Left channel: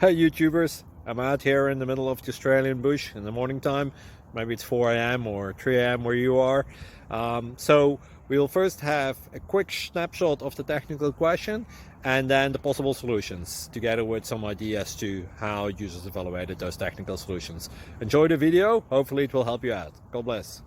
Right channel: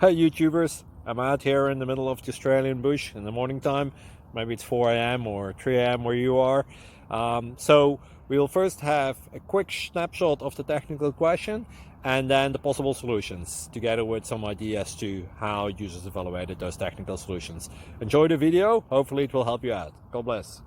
Hey YouTubers, I'm out here in the middle of the Australian bush in the morning time. Maybe it's 4 a.m. or 3 a.m. where you are. So we'll first have a quick snapshot of the technical question and then the possible solutions, together with some ideas to how users evaluated those technical solutions. Enjoy the video, hopefully it will help you out. God bless.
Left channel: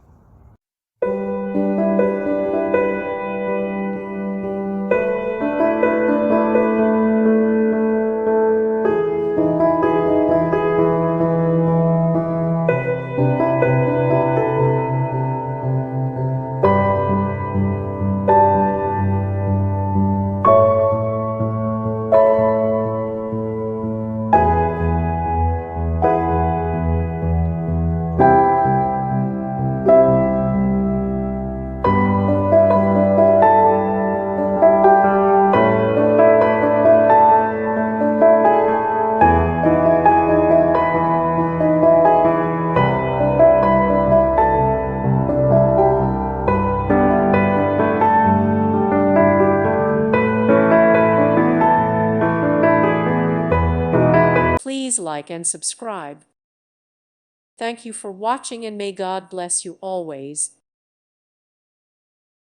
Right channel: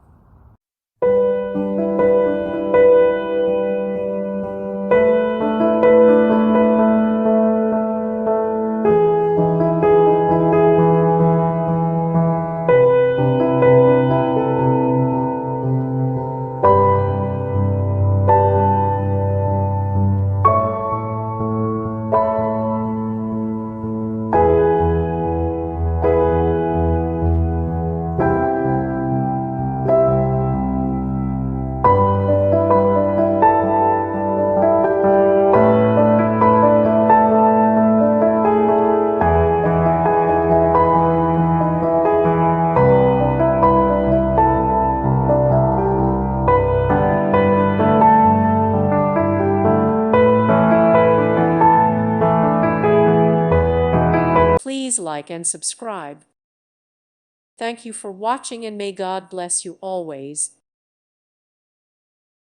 Please like and subscribe. Thank you for watching, and may God bless you always.